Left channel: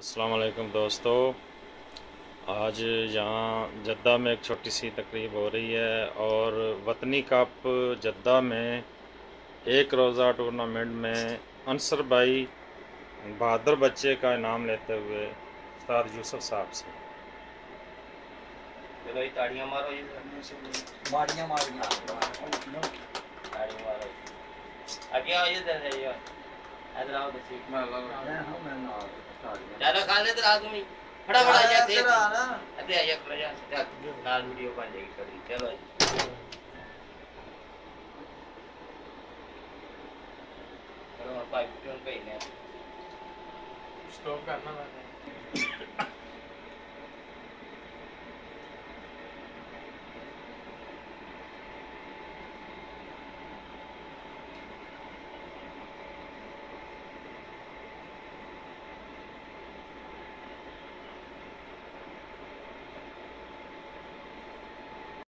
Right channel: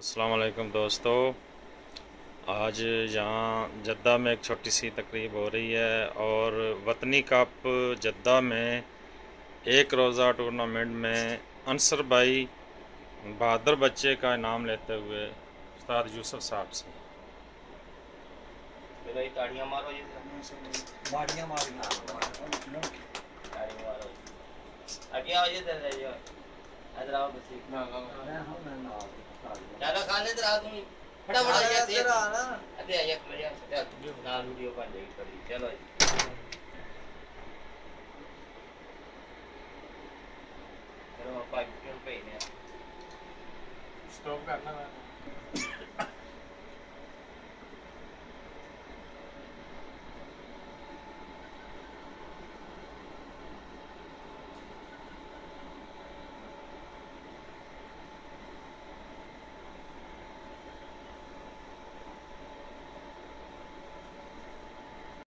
अस्सलाम वालेकुम दोस्तों। आज यहाँ जद्दा में एक छोटी सी तकरीब हो रही है और वतनी कप जद्दा में एक रोज़ा टूर्नामेंट में अंसर भाई बहादुर बच्चे का इनाम लेते हुए उस्ताद यूसुफ साहब से। चलो ये ताड़ियां मारो, ये बाड़ियाँ मार दी। ताड़ी मारो। आगे आओ, ये दे ये इधर आओ। बस ज्यादा खा ले तो आदमी बड़ा बड़ा ये दे अरे ये कर यार लाल वीडियो बन जाएगी थोड़ी। चलो चलो पाइप क्यों पे ही नहीं स्टॉप करना।